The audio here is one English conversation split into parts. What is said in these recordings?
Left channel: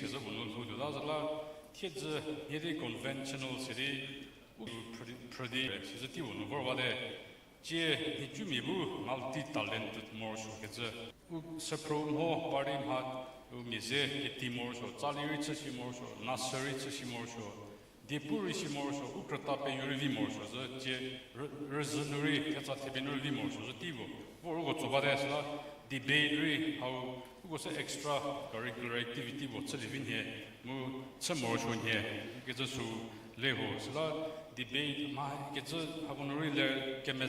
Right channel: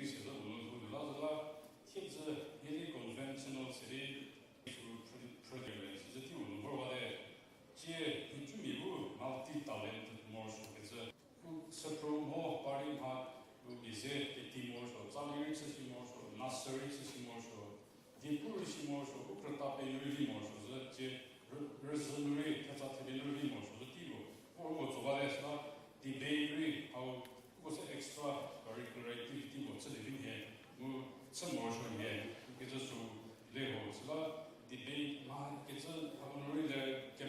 is a woman, kids, yet conventional city, pretty, the two, or what Jumibu, multi-talented more Spero Meliora, Mise, Timor, Taliwich, Nasarich, Depurish, Kratape, Urimor, Reservoir, Rimor, Tivo, or what to Vadesa, debate, how was an extra curricular activity, what's living here, some more here, get us to levels, debate, get us, I want to really get me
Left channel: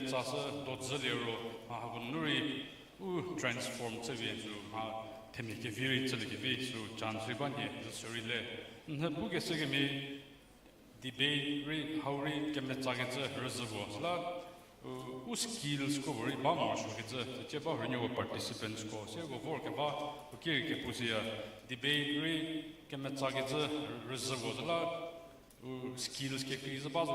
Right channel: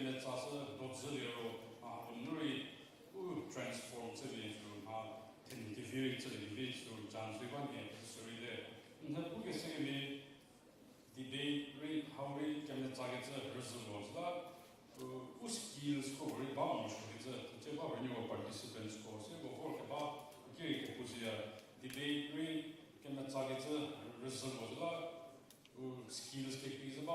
transform TV temike viri TV to Jantribani, sorry there. The book is saying me debate, how we can get a reservoir. Who skills cover it, Mama, it's a renewal participants course. You work about Kirkipusia, debate, can get a reservoir. Skills is about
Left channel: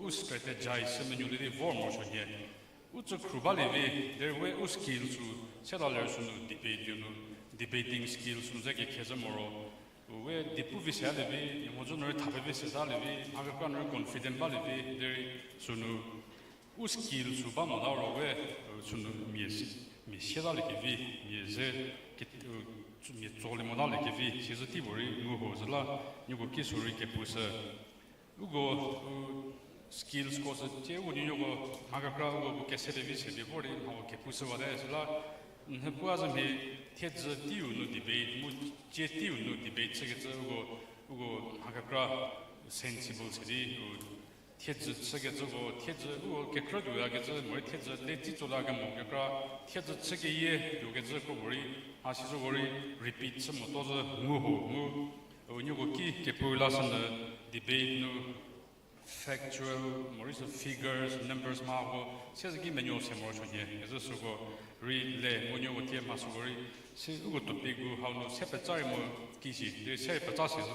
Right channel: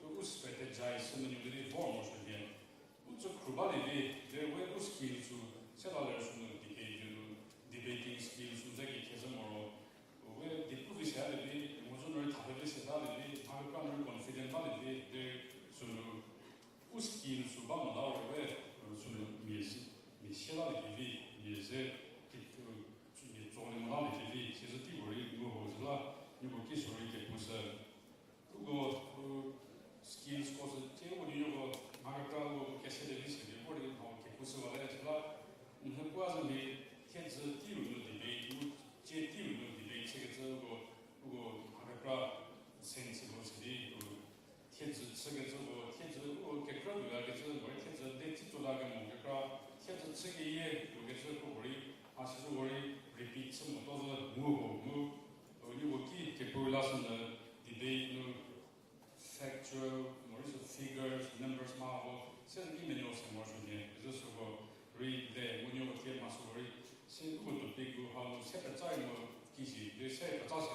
who strategize and you did it for here. What's a Krubali, there were skills to settle debating skills to the Kazamoro, where the Puvis had a bit, was on earth, the business alibi, confident validity, there soon. Who skills to Bama are aware, soon, yes, Michelle, yes, Solimonaliki, she's a Tiburi, who was a lot, you will kiss her, who go skills was a tear when you go, Agacra, Cassidy, before the Pusavadazla, who wasn't a kids debate, Jetiu debate, who go Agacra, sensible city, kids, kids who get rid of kids, they teach to Lagam, kids, second year, you get the worry, as you worry, repeat some of those when you go key, Kepulas, debate. Factual, more figures, numbers, marble, says a given your emotion here. As a go relay when you would hear Masori, since you go to big how to separate time, Kishi, they say Patasas,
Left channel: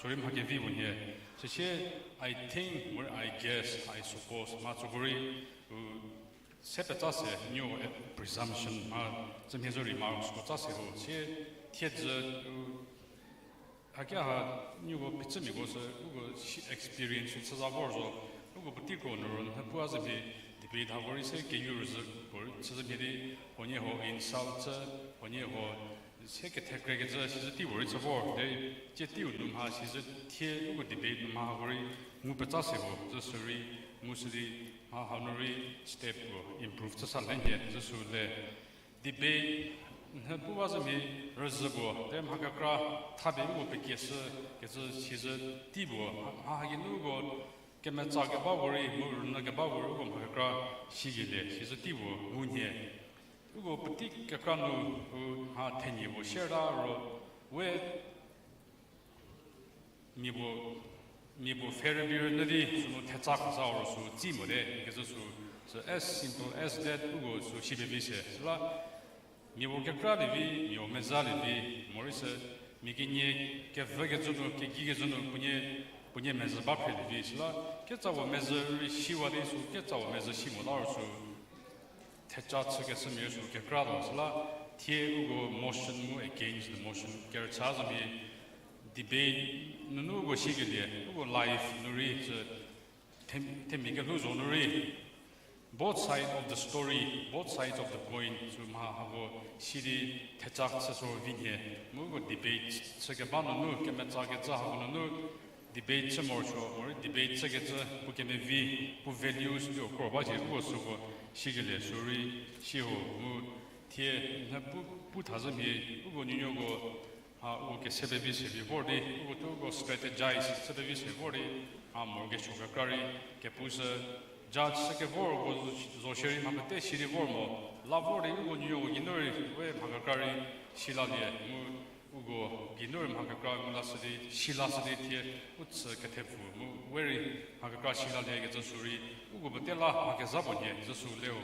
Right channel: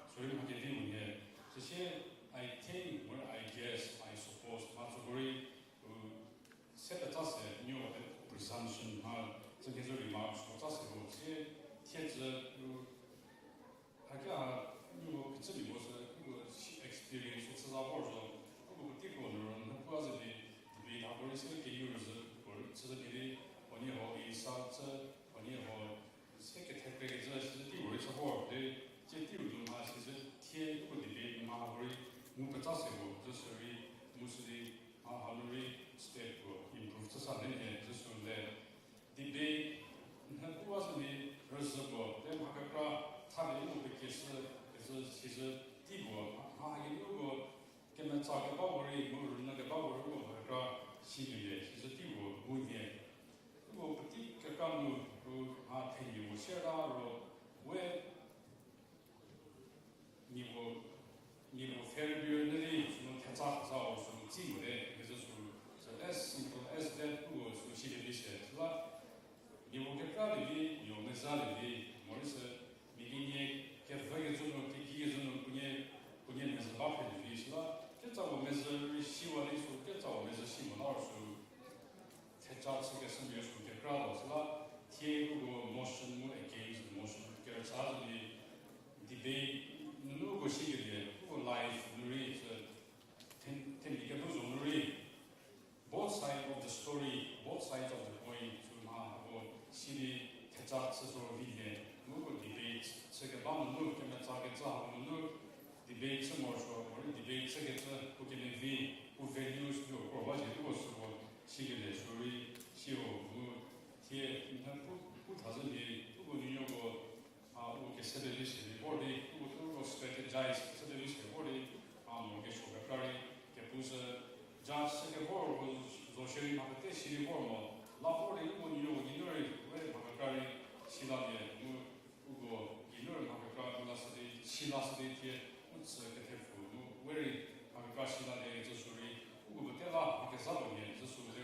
so you might give even here. So here, I think, or I guess, I suppose, Matsuguri, Sepatas, new presumption, some his remarks, Patasas, here, kids. Again, you will be experience with the wars of particular who was a debate how is a use or Sazabidi, when you hold in South, when you hold secretary, the words of war, they Jetiu, has a tear with debate, Mahari, Mupatasibo, the Suri, Musli, Mahanari, step, improve the Salania, the debate. Who was a reservoir? Then Magakra, Tabi, Pekis, she's a Tibo, Ahaginugo, Kemetagabavari, Nagabavar, Magakra, she's a Tibo, Munye. Ugo Putik, Kakano, who had 10 years, Shera, where Mibo Ferrier, Tetsakas hours, Timode, as simple as that, Ugo, so she be Nivocakrabi, your Mezalibi, Morris, Mikini, Kevagazu, Kikigazu, Punye Mezabapi, gets our Mezari, Shiwadis, gets our Mezashimar, Techats gets some music, Kekradosla, Tiago motion against the motion, Gertsazabi, debate, Nugo Shigade, life, Nuri, Temikagus on the read. Both sides of the story, both sides of the point, Shiri, Tetaks, or Vinye, Mugo debate, Sagabano, Kemetagaza, debate some more, debate Sagata, who can be who values or what is possible, Shigale, Suri, Shio, Tie, Putazabi, Ugo Nugo, who can set a visit before they who strategize, set a visit before they, Mortgage Kakari, Kepusa. Judge Sakavor was Zosheri Mamate, Shiri Vormo, Labori, Ugu, Ginuri, Magakari, Shiladi, Ugo, Ginur, Magakari, Lasadi, Shilasadi, Utsa Katefu, very Magakashi, Gasuri, Ugo Batella, Gazapati, Zasuleo,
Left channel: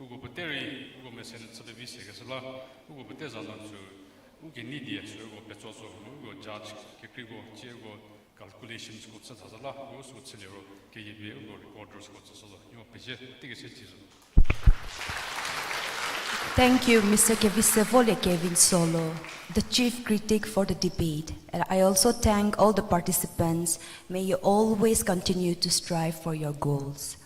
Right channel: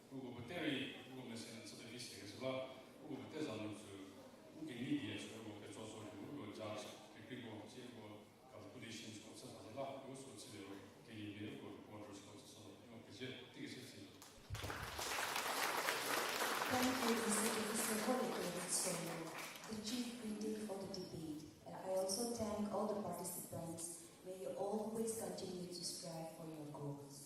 Ugo Bateri, Ugo Messin, Sadavisi, Gasala, Ugo Batezazan, Uginidi, Ugo Petoso, Ugo Judge, Kiprigo, Chiego, calculations, Utsazala, Utsuzero, KV, recorders, Thank you, Mr. Kevisevole Kevin Solo. the chief critic for the debate, and I also thank all the participants. May you always continue to strive for your goals.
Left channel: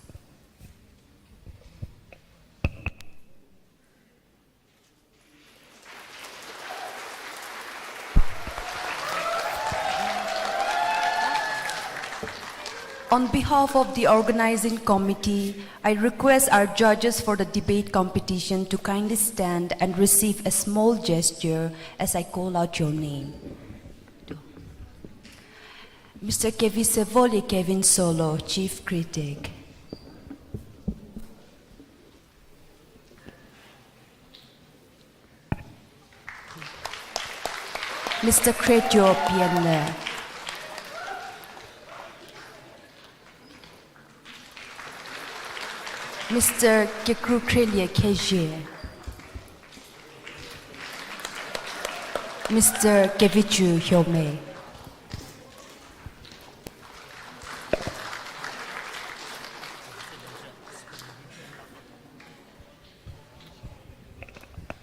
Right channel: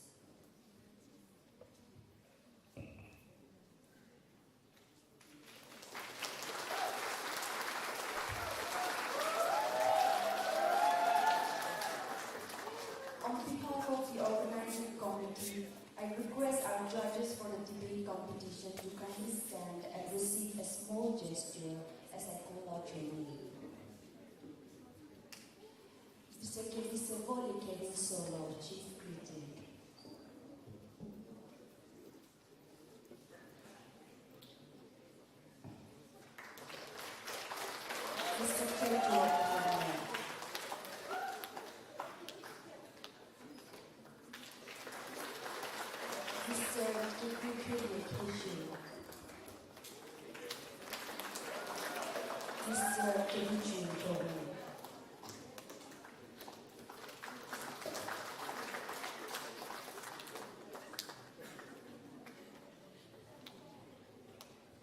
On behalf of the organizing committee, I request our judges for the debate competition to kindly stand and receive a small gesture as I call out your name. Mr. Kevin Solo, Chief Critic. Mr. Kretjo Pianle. Mr. Kekrukrelia Keje. Mr. Kevichu Hyome.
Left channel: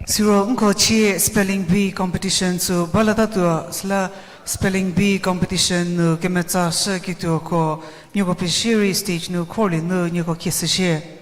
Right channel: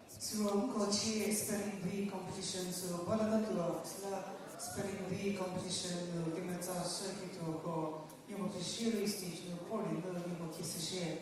Siro Nkochi spelling bee competition so baladatua sla spelling bee competition kemetsa shakito ko nyoko pishiri stage no koli no nyoko kisashe.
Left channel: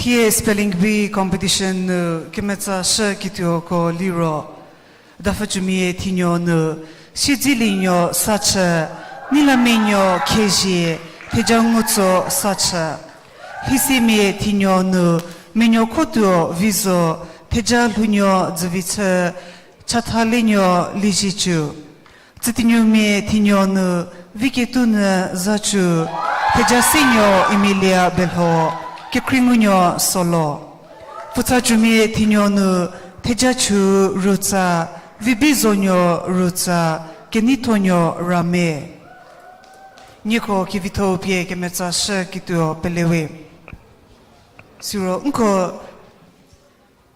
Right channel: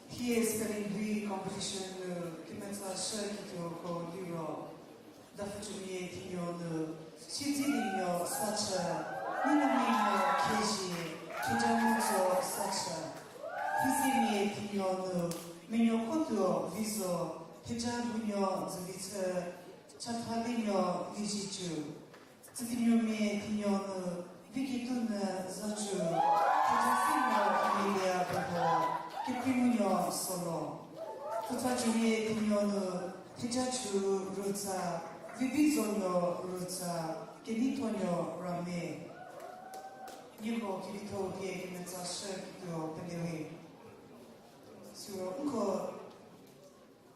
Here spelling bee competition kemetsa shakito ko liro dafajumi tinyo no shijilinyo sacha nilaminyo keji pejangutso sacha hisimi tinyo no menyo koto viso pejalunyo zvitsa chathalinyo lijichu tsitinyomi tinyo no vikitun zachu pejasinyo emilia belho Kekringunyo solo. Futajumi tinyonu tejachu rutsa, vibizonyo rutsa, genitonyo rame. Niko kivito pie kemetsa shakito pelewe. Siro unko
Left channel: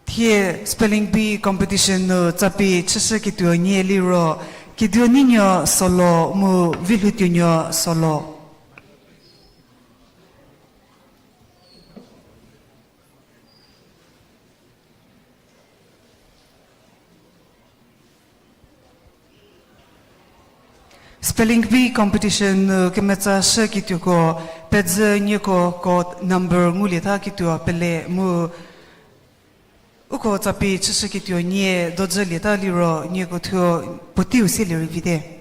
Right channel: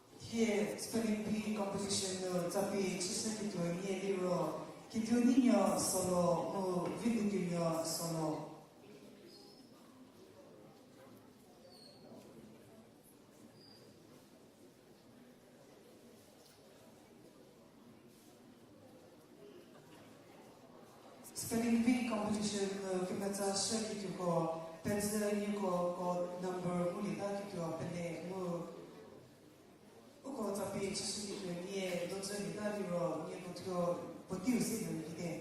tie spelling bee competition no tapi chashakito nye liro kidio ninyo solo mu vilutinyo solo. Spelling bee competition kemetsa shakito ko pedze nyeko ko number ngulita kito pele mu uko tapi chashakito nye dodzelita liro nyeko thyo potiu silir vide.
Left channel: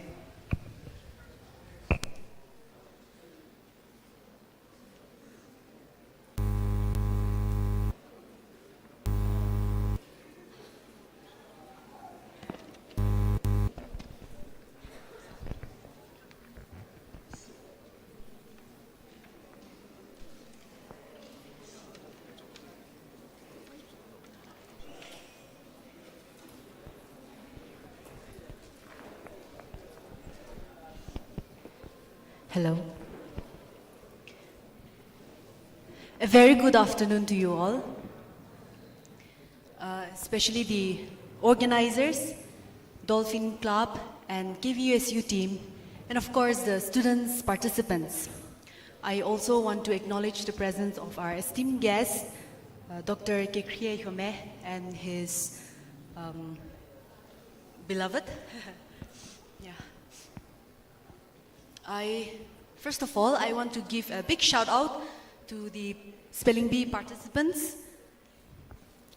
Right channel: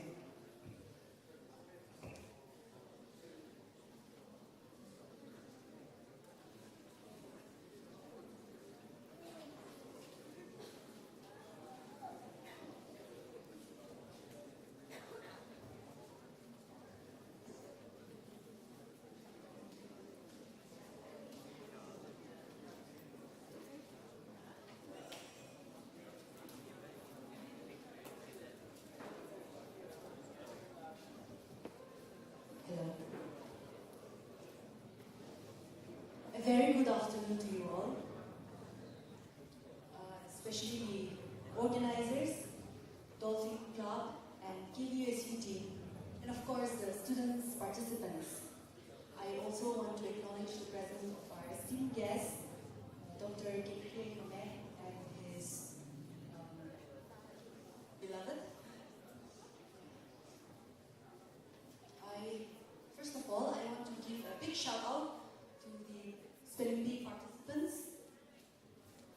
Hello. A very good afternoon to you all, especially the organizers, Dolphin Club and KVUSU team, and of course the students, participants. I also want to acknowledge the presence of our esteemed guest, Dr. Kekrie Hyome and his beloved. First of all, I want to give a big shout out to the Spelling Bee participants.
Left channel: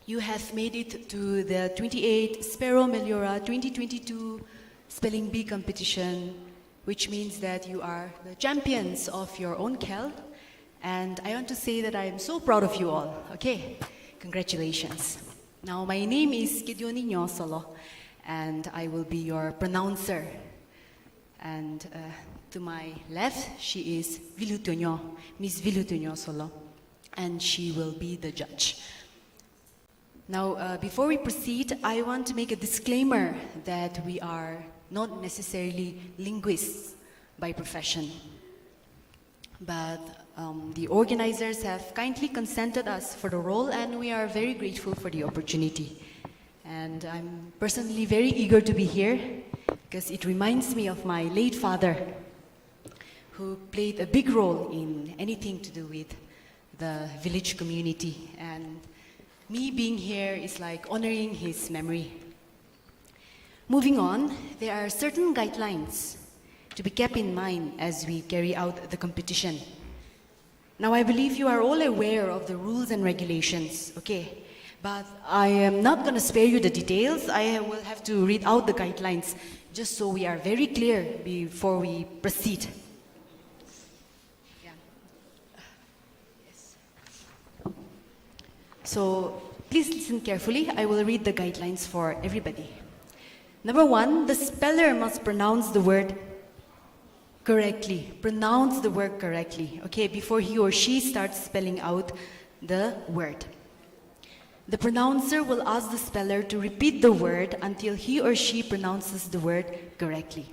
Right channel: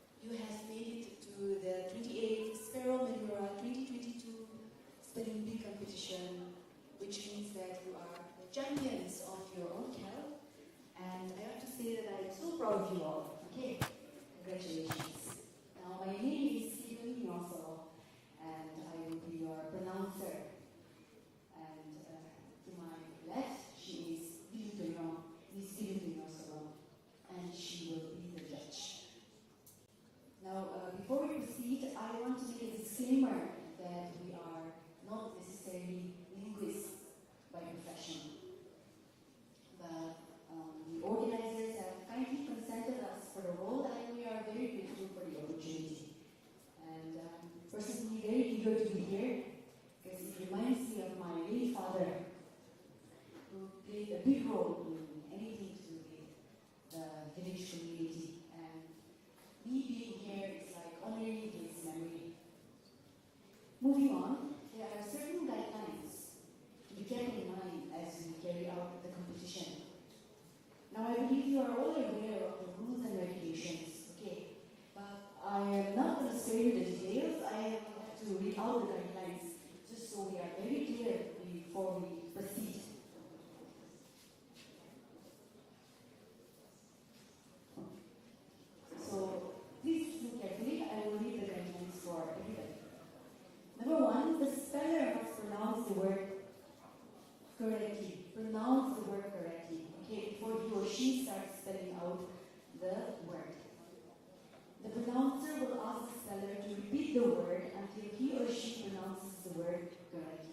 You have made it to the 28th Spero Meliora 2022 Spelling Bee competition, which means that you are the champions of your own KEL. And I want to say that I am so proud of you all. Okay, congratulations. Now, my name is Gideoninyo Solo, and I will be your pronouncer. And to my left, she is Vilutonyo, Miss Vilutonyo Solo, and she will be the judge. Now, before we proceed, I want to make a disclaimer that we are not necessarily linguists by profession. But the organizers have kindly consented us for the role, and we are very grateful for the opportunity. And I'm personally very eager to be here because it reminds me of my late father, who played a big role in anything to do with the village community. And me being here is like honoring his memory. Moving on, there are certain guidelines to be kept in mind as we carry out the competition. Now, I believe you are all aware of the rules and regulations, okay? But I am not going to spare you the details. I will have to read out the guidelines just so we are very clear before we proceed. So please listen carefully. I will read the guidelines for everybody. Number 1, the speller must pronounce the word correctly. Pronounce the word correctly, okay, before he or she starts spelling out the word. The pronouncer will ask the speller to repeat the word until he or she pronounces the word correctly.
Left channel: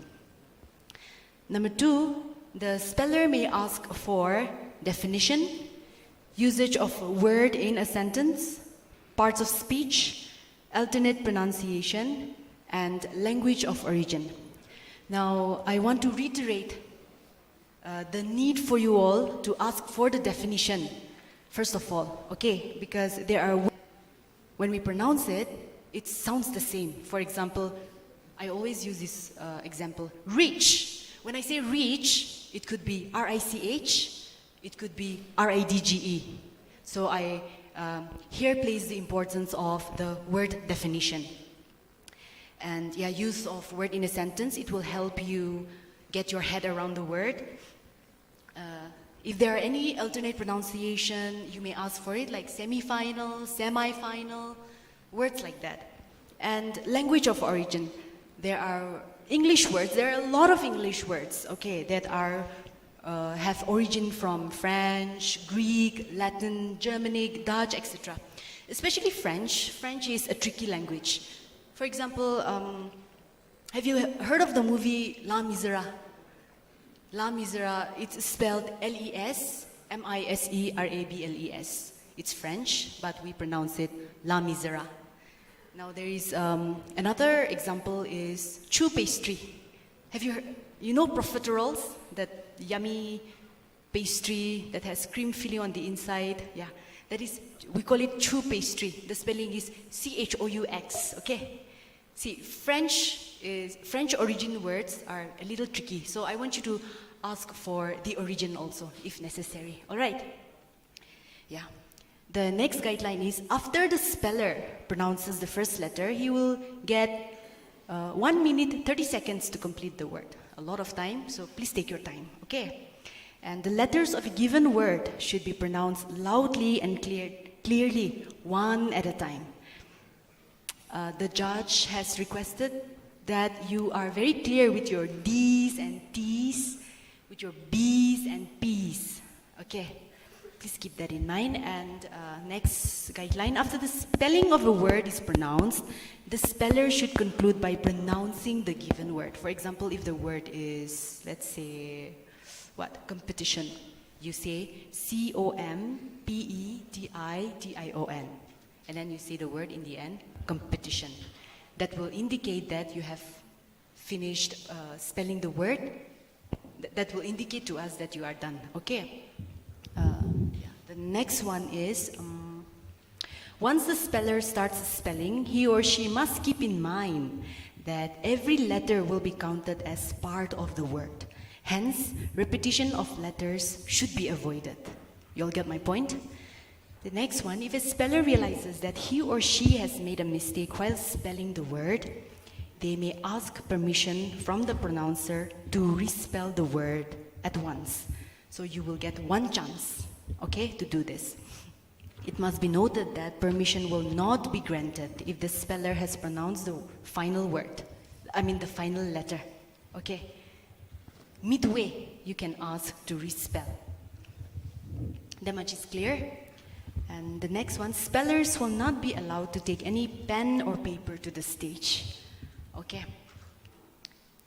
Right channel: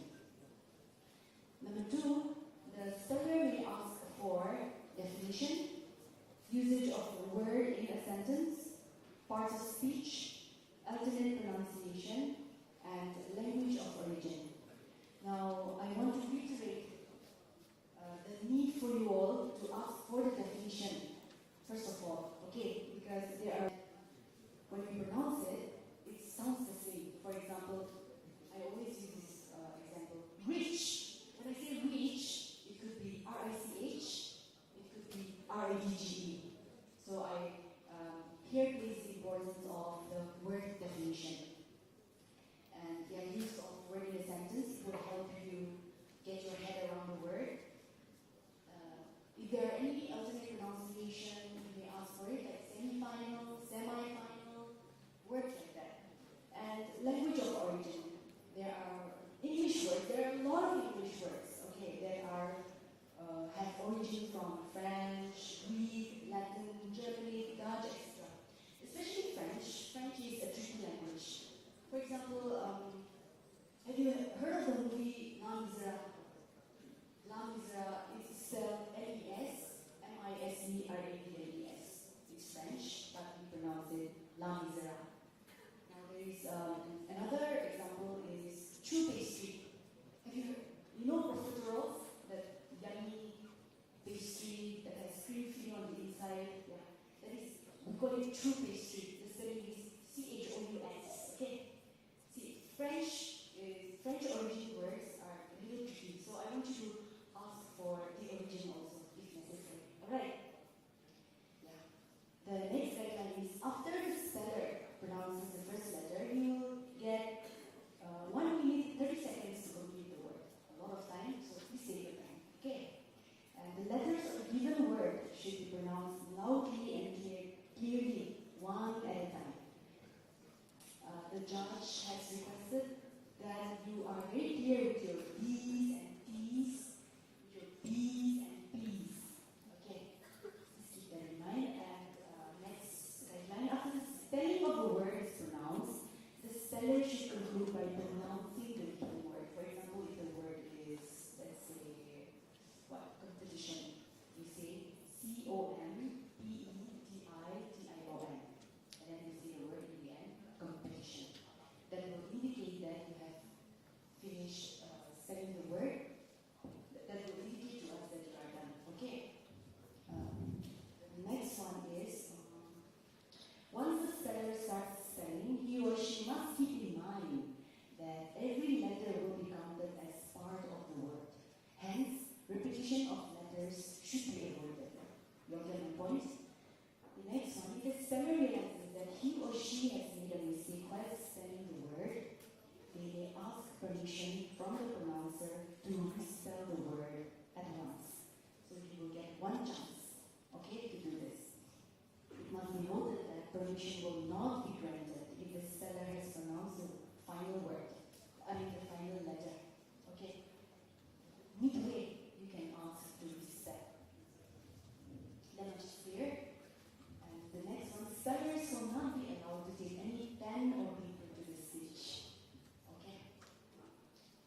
Number 2, the speller may ask for definition, usage of a word in a sentence, parts of speech, alternate pronunciation, and language of origin. Now, I want to reiterate the need for you all to ask for the definition, first of all, okay? Because there are, when we pronounce it, it sounds the same. For example, I always use this example, reach. When I say reach, it could be R-I-C-H, it could be R-I-D-G-E. So I here place the importance of the word definition. And yeah, use of word in a sentence, it will help you get your head around the word. If there are any alternate pronunciation, you may ask for it, like semi-final, semi-final, words like that. And language of origin, there are English words, there are a lot of English words, okay, that are have origin from French, Greek, Latin, Germanic, Dutch, etc. Especially French. French is a tricky language. For example, have you heard of the movie Les Miserables? Les Miserables, it's spelled L-E-S-M-I-S-E-R-A-B-L-E-S. It's French, but we pronounce it Les Miserables. Now there is another example is choux pastry. Have you heard, you know profiteroles, that yummy pastry that has cream filling on the inside? Yeah, that is, we call it choux pastry. The spelling is C-H-O-U-X, okay? See, French origin words are a little tricky, so I want you to ask for the origin also, if necessary, all right? Yeah. The next guideline is, after the speller pronounces the first letter, he will get 1 minute, 30 seconds to complete the word. A lot of time, so please take your time, okay? And the letters of a given word should be pronounced loudly and clearly, one at a time. The judge has requested that you are very clear with your D's and T's, with your B's and P's, okay? Please keep that in mind. And next guideline, after the spelling of a word is pronounced, the speller should conclude by pronouncing the given word. For example, if the word is, let's say, what? Competition. You say C-O-M-P-E-T-I-T-I-O-N. And then you say the word in the end, competition. That will indicate that you have finished spelling the word. That will indicate to us that you are done, okay? The next one is, once the speller starts spelling, he or she must keep in mind that every letter will be counted as part of the word. Hence, repetition of letters should be avoided. You'll get my point? The next one, if a speller realizes that he or she has made a mistake while spelling the word, they may ask permission from the pronouncer to respell the word at once. So you will get one chance, okay, to do this. It must be noted that permission will not be granted if the speller has pronounced the final word, the final letter, okay? Midway, you can ask to respell. That much is clear? And the next one, spellers will not be allowed to take any pen or paper to the stage, okay?